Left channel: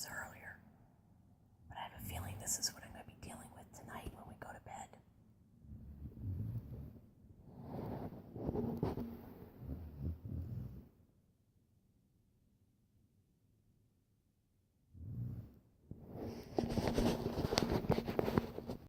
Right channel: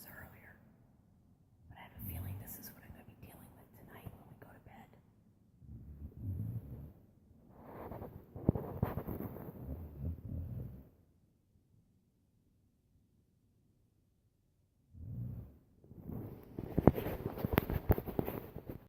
this earlier, but I have a feeling this is what